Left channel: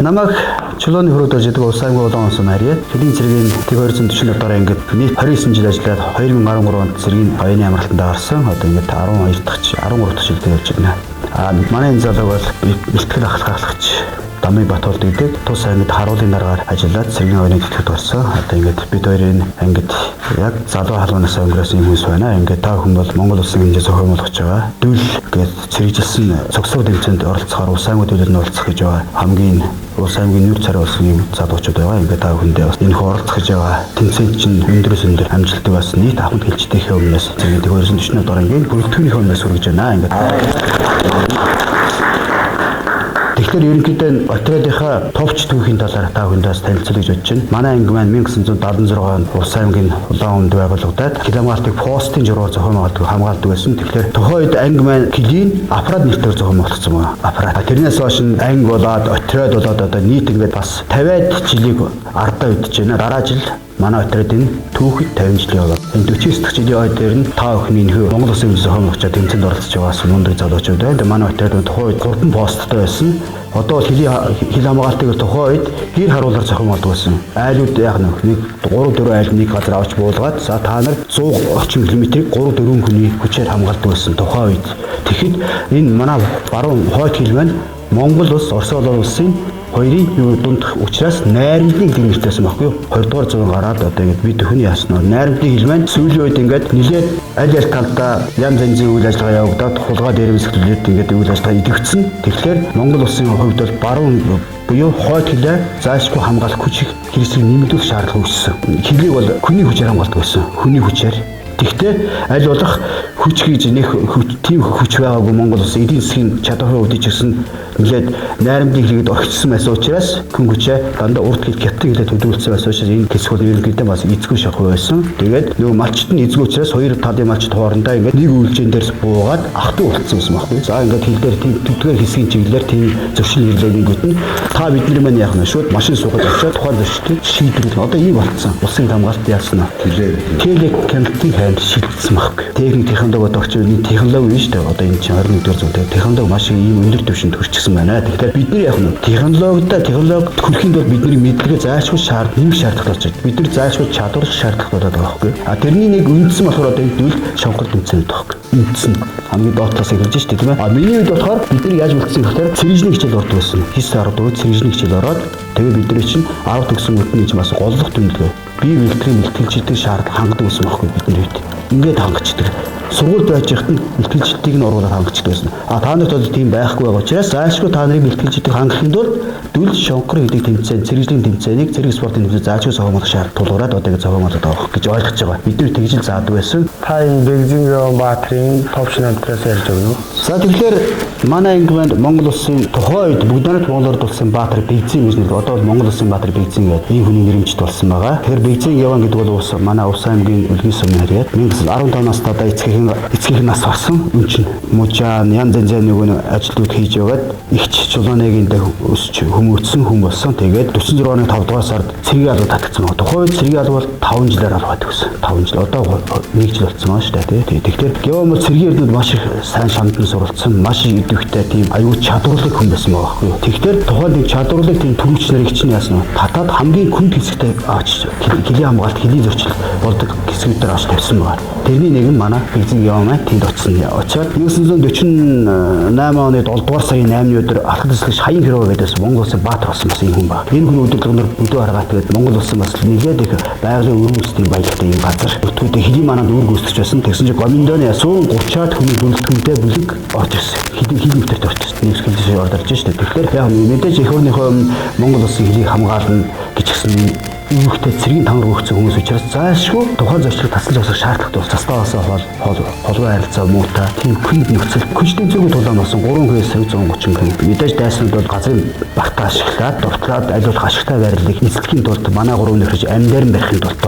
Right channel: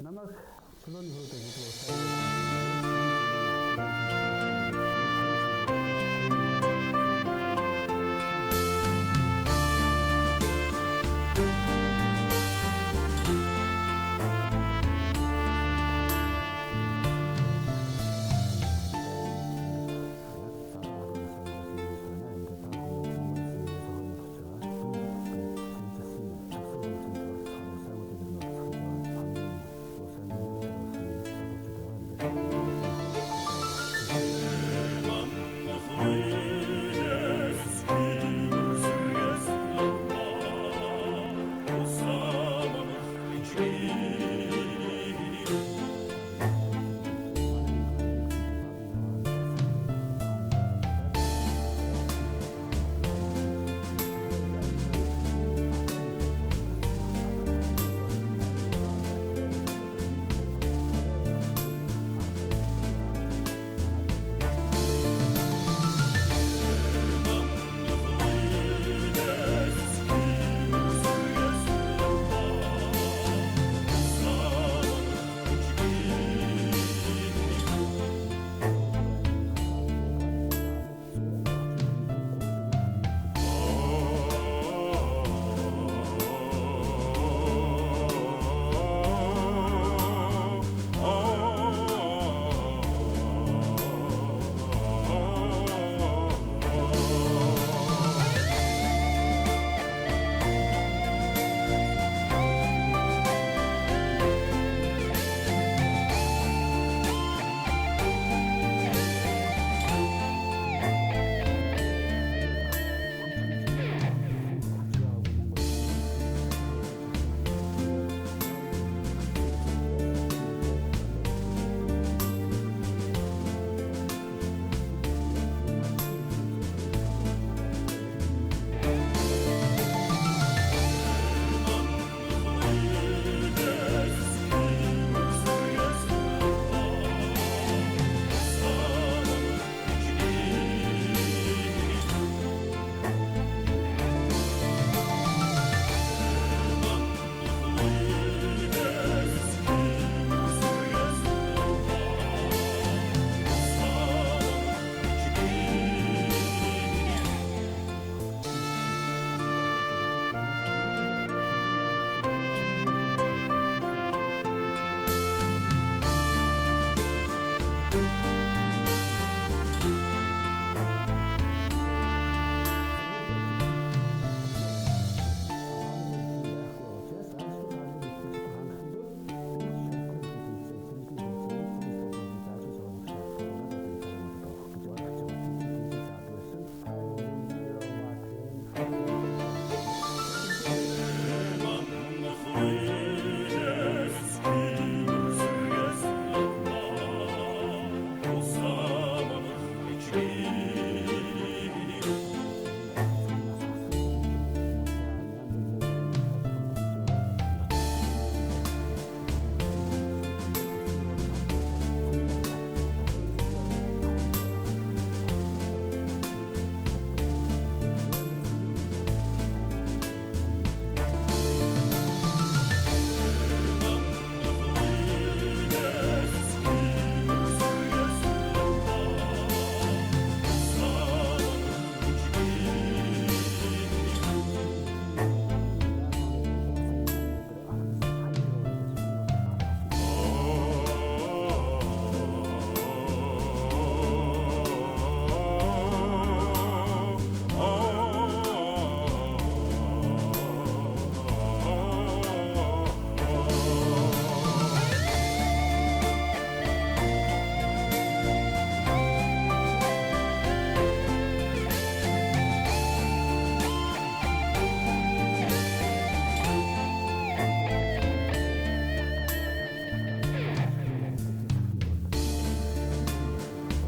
Намайг чулууны хөрөөдөж идэг улсын болон онсон Мария. Хэдийн цэргийн 240 дараа ингээд нийт 29 жил ажиллаад 2013 онд цэргийн оюуны амралтанд орсон. Одоо ингээд 12 дахь 13 дахь жилдээ явж байна. Манай энэ залуу бол бэлтгэл ахлагч Дамын Батболд идэг тус ангид харуулын дараагаар ажиллаад цэргийн оюуны төлөвт болсон. Одоо ингээд бид хоёрын ангид яг залуу халуунаас өнгөрөөсөн юм хүмүүс байна. Ингээд та хүн бол Монгол улсын хэмжээ зохиомжлогч байгаа. Дүүл гээд цэрэгжилсэн цогцлог тэмцээнд оролцохоор улс аймаг төлөвлөлд нь оролцох гэж байгаа. Хамгийн улс аймгийн нүүр царай болсон юм залуучууд байгаа. Ингээд та хүндээ бас энэ оролцох гэж байгаа. Тэмцээнд чинь өндөрөөс өндөр амжилттай бас нийт ахмад хэлжтэйхээ өмнөөс цэргийн 240 дараа ингээд бүрэлдэхүүнийхээ өмнөөс хүргэж байна. Ингээд тэгэхээр ерөнхийдөө отрядынхаа товч түүхийн талаар та хүндээс танилцуулж бодож байна. Манай анги маань 1976 онд улс аймгийн улаан өмд байгуулагдаад Киламартыг постын жургаар зохион хамгаалдаг байсан. Тэгэхээр тухайн үед анги маань Килийн аппарат нэрээр зохион болгоцсон байна. Аппарат. Тэрнээс хойш анги болоод отряд болоод одоо нийт ингээд бас 50-аад жилиг ардаа үдэж байна. Дараа жил манай отрядын түүхэд 50 жил яваа. Энэ 49 дахь жилийн ой дээр нь та бүхний нөхөр Монгол Улсын зохиомжлогч тэмцээнд оролцож байгаас мундаг залуучууд байна. Манай отрядын тухайн үед 3 посттой байсан. Одоо хил хамгаалтыг тухайн үед гэр харуулаар зохиомжлдог байсан. Айлууд яг нэг 3-4 айл нэг газар авч буулгаад за та нар 100 орчим километрийг 3-4 хүний хүчээр хамгаалдаг байсан тухайн үед. Тэгэхэд энэ манай баруун хойд хил маань Монгол улс, Орос улсын хоёрын дунд учраас найрамдлын хил нэртэйсэн баггүй юу? 20 дугаар зууны гараад одоо ингэ бид хүн яаснаа найрамдлын хил маань сүүлийн үед ингээд нэлээд аль аль талдаа янз янзын үйл ажиллагаа явагдаад хулгай дээрэмсгэлээд ингээд үйл ажиллагаа идэвхсэн. Тэгэхээр Монгол улсын хувьд бол баруун буюу хойд хилээ заашгүй хамгаалах хүч хэрэгсэл нэмэгдүүлэх шаардлага үүссэн. Хилийг бол хүний хүчээр хамгаалдаг байсан. Хүний хүчээр. Гэхдээ аль болох хүч гэж нэг тийм хүч байгаагүй Монгол улс эдийн засгийн чадварын хувьд ч гэсэн нэлээд найрамдлын хэлгээд орхичсан байсан учраас хүн хүчээ дандаа урд хэл хятад хэлээр төлөвлөсөн байсан учраас энэ хэсгүүд ерөнхийдөө бас эзгүй шахуу байсан. Тэгээд нөгөө малчт нь эзгүй учраас хоёр талын малчт хоорондоо ингээд нэг үйлчэн дээр буугаад ахтуу болцсон юм байна. За ингээд хил дээр тийм төдгээр хэсгийн чиглэлээр тийм зөрчил нэрлэгэнүүд нь та бидний маань яах нь шууд машин суугаад очиод тухайн зөрчилтөд шийдвэрлэх. Одоо ийм болцсон. Улсын хамгаалалт яасан нь телекоммуникацийн хайд шилжсэн байхгүй. Техник технологи орч энэ технологи биш үү? Одоо энэ чинь 21-р зууны технологи маш ийм өндөр түвшинд хүрчихсэн байна. Тэгэхээр бид нар яг нь технологид хүрэхэд бол бидний мэдлэгээ заашгүй шаардлага болж байна. Бид нар заашгүй чадвар шаардлагатай болоод байгаа байхгүй. Тэрний нэг үндсэн болохоор одоо энэ дүүл шонгор тэмцээнд байхгүй. Үндсэн хамгийн доотлоос эхэлж шүү дээ тийм ээ. Миний үед болохоор бид нар яаж үлдсэн гэхээр цэрэгжлийн хичээл ордог байсан. Хис 14 цэрэгжлийн хичээл ороод тэгээ бид нар чинь 10 төгсөн үтний бас голлох тэмдэглээ. Бие бэлтгэжтэй шаардлага хангадаг байсан байхгүй бидний үед. Ингээд хангачдаг. Сургууль байж ихт бэлтгэлжтийг нь оруулаад хангачдаг байсан. Та нарт бол тийм байхгүй байгаа учраас заашгүй та нарыг бэлтгэлжтийг хангахын тулд дүл шонхор гэдэг тэмцээн, цэрэгжлийн тэмцээнийг цэрэг спортын тэмцээн заашгүй зохиомжлох шаардлага тулгураад одоо ингэ зохиомжлоод байгаа гэж ойлгож байгаа. Бид нар тэгж л заадаг байсан. Та энэ Бэйжингийн Баатрин товч намтраас ярьж байгаа юу? За тэгэхээр манай анги маань Монгол улсын тухайн үед бүгд Монголд улсын Баатар Бэйжин гэж нэр. Одоо Монгол улсын Баатар Бэйжин гэдэг ийм хүний нэрмжт болсон байгаа. Тэгэхээр Бэйжин яван гэдэг бол манай улс аймгийн үлгий сумын харьяат 1915 настай эцгийн нас болсон. Үн чинь мужаан янз янзын нөгөө ажлууд хийж яваад ихч чулууныгийн дэх өсч хүмүүрсэн хүн болсон. Тэгээд 46 оны 5 дугаар сард цэргийн алба татагдсан байна. Тухайн үед цэргийн алба бол 5 жилээр алгаад өгсөн. 5 жил одоо 1 жил болсон байна шүү дээ. Тэгэхээр геомол цэргийн эрдэнэд маш их сайн шамдан суралцсан, маш их идэвхтэй тийм аюул чадварлаг хүн байсан байгаа байхгүй юу. Тэгэхээр тухайн тийм чадварлаг тийм төрөгч нарыг чинь яасан нь татаад хамгийн хүнд хэсэгтээ авч хилийн хамгаалалт, хилийн зөрчил болдог хэсгүүдээр авч тавьсан байна. Тэрний нэг нь манай Бэйжин яваа тэнд очсон. Очоод 1948 оны 7 дугаар сарын 8-ны өдөр алхад эслэгч Хаян Хэрвэ гэдээс Монгол улсын Баатар болсон бас юм хүн ба. Энэ хүн өдөрлөгнөр бүдүү харгаад тэгээд Монгол улсын бас нэлээд их байгалийн өргөсдийн баялагтай юм газар. Өтгүүдээ хилийн манад өргөсдөж байсан. Тэгсэн чинь Гоминдоны 30-аад хүний бүлэгтгүүдээ бүлэг орж ирсэн. Хилийн өвтөрт орж ирсэн. Нэг хэлжээ орж ирж штэ. Тэгэхээр яг мэдээж их өөрийнхөө Монгол улсын хилийг хамгаална гэж гисэн үүхтэй цэргийн тамар өгсөн хүмүүс учраас заашгүй тухайн зочлог тасалж усах шаардлагатай бол застаасаа холбоо харилцаа муутай тийм хүн нөхцөл хүчтэй зөвхөн тулаан болсон 3,130 хүн мэдээж дайснууд бол газрын багтаа ашиглаад дуртлаад аливаа ашигтай байрлалыг эзлэхийн тулд манай 3 нөхөж амьдаар барихын тулд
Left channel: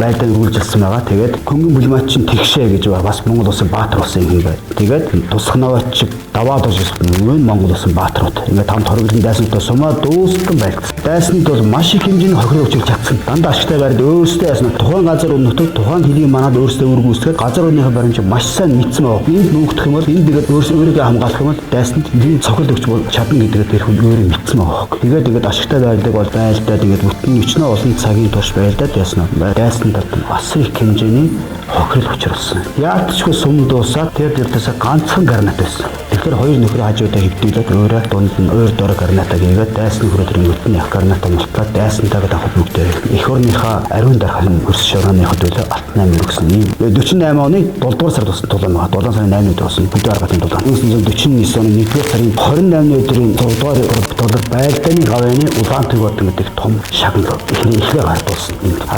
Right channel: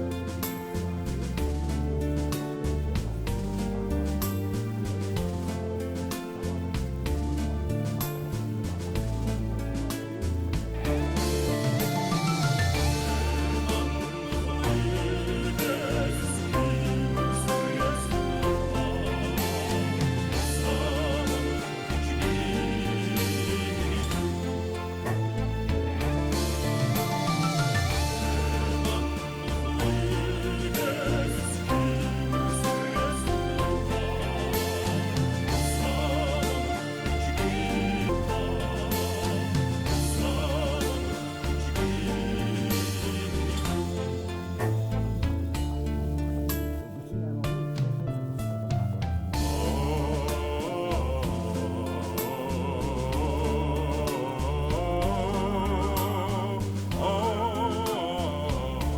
байдлаа үргэлжилсэн байгаа. Тэгээд хөнгөн бүлмаач чинь тэгшээ гэж бас Монгол улсын Баатар болсон юм байна. Тэгээд тусах наваач даваад орж ирсэн Монгол улсын Баатарууд ингээд хамт хоригдсон дайснуудаа сумаа дуустан байлгсан. Дайснууд бол маш их хэмжээний хохироо учрах чадсан. Дандаа ашигтай байранд өөрсдөө ясна тухайн газар өнөтөд тухайн хэдийн манад өөрсдөө үргүүсгээд газар өнөхийн баримж маш сайн нийцсэн байгаа. Энд нүүгдэх юм бол энд тэгээд өөрсдөө хамгаалах юм бол дайсанд нэг цохол өгч чадна гэдгээр тэр хүн өөрөө мэдсэн байгаа. Тэгээд ашигтай байрдаг бол байлдаад ингээд бүтэн өчнөө олон цагийн турш байлдаад ясна. Дайсанд бас их хэмжээний хохирол учруулсан. Яалтчгүй сум дуусаад тэр дэвтээс ганцхан гарнат байсан. Тэгэхээр хоёр нөхөр хажуудаа хөвдүүлээд өөрөө дунд нь өөр дор гарнатаа гээгээд дайсны хүрээ тэр мөртний ах гарнатаа мултлаад дайсантайгаа давхад бүгдээ эх орныхаа ариун дарахын хөрс шорооны хөдөлгөөн алт 8 өгсөн. 48 оны 7 дугаар сард болсон тулаан байгаа. 7 сарын 8-нд болсон бүдэ аргатын тулаан. 1949 оны 1-р сарын 28-ны өдрийн 6 дугаар болоод байлдааны гавьяаны Улаанбаатар гэдэг том шагнал ихнээ гардуулсан.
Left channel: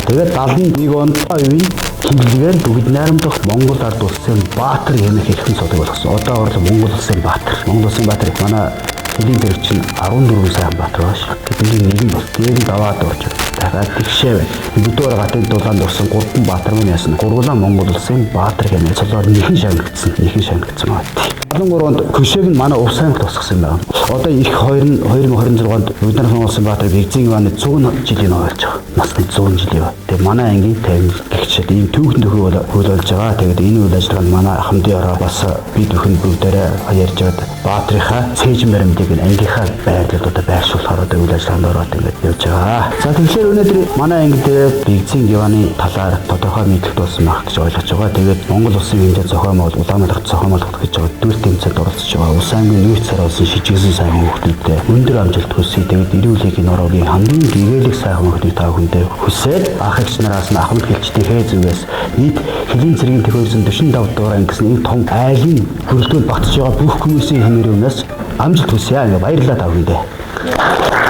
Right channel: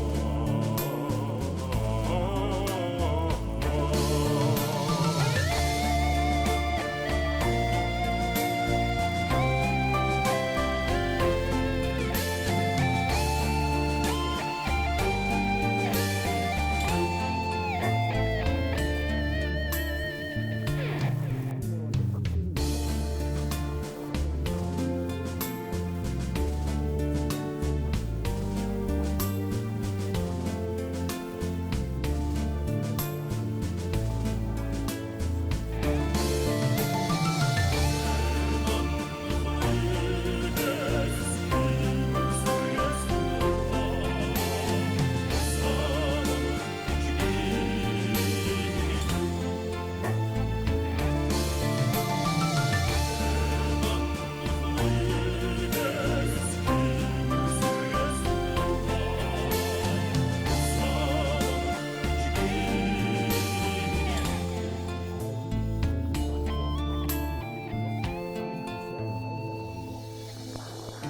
Тэгээд 71 онд оюун хилгээр бүгд найрамдах Монгол ард улсын Баатар хэмээх хэрхэн цодог болгосон. Одоо бол Монгол улсын Баатар. Монгол улсын Баатар манай хэдийн зэрэг чинь 14 сая Баатар байна шүү. Бидний нэг нь дээд аваад орж дахиад тэгшээ байна. Бүдүүр гатын дулаанд орсон 3 Баатар мөн ясна. Гурван Монгол улсын Баатар хэмээх цолоор нэхэн шагнагдсан байна. 13 онд Көшөөг нь манай Ув Саймагт тусгасан байна. Одоо их 2026 онд бид нар Монгол улсын Баатар Бэгзийн ваны 100 жилийн ойлж байгаа. Нас нь 100 жилийн ба. Тэгээ манай ангийн тайван гэгчэд ийм түүхэн төхөө хөл болж байгаа. Тэгээд энэ үйл ажиллагаанд манай хамтдаараа бас бид бүхэн бүгдээрээ ярьж байгаа Баатрынхаа цээжин баримтыг ангийнхаа байрлалд одоо байршуулахаар одоо үйл ажиллагаанд ороод ингэж явж байгаа. За тэгэхээр өнөөдөр манай анги дээр Бэгзийн ваны талаар тодорхой мэдлэг болсон байх гэж ойлгож байгаа. Тэгээд Монгол улсын хэмжээ зохиомол Улаанбаатарт зохиомолох гэж байгаа дүр тэмцээнд оролцож байгаа. Улс аймгийн нийт цараас шижигсэн сайн хүмүүсттэй өндөр амжилт хүсье. Тэгээд ирүүлэгийн нуруугийн хамгийн гэгээлэг сайн хүмүүстийг та бүхэндээ хүсээд ах эгч нараас нь ахмад гэлчтэй хээзүгээс нийт хэлийн цэргийн төхөөрсөн 45 дугаар ангисан энэ том айлын хөрөлтөнд багтж байгаа бүх хүмүүсийн хэмээрээс амжилт хүсье. Баярлалаа та бүхэндээ.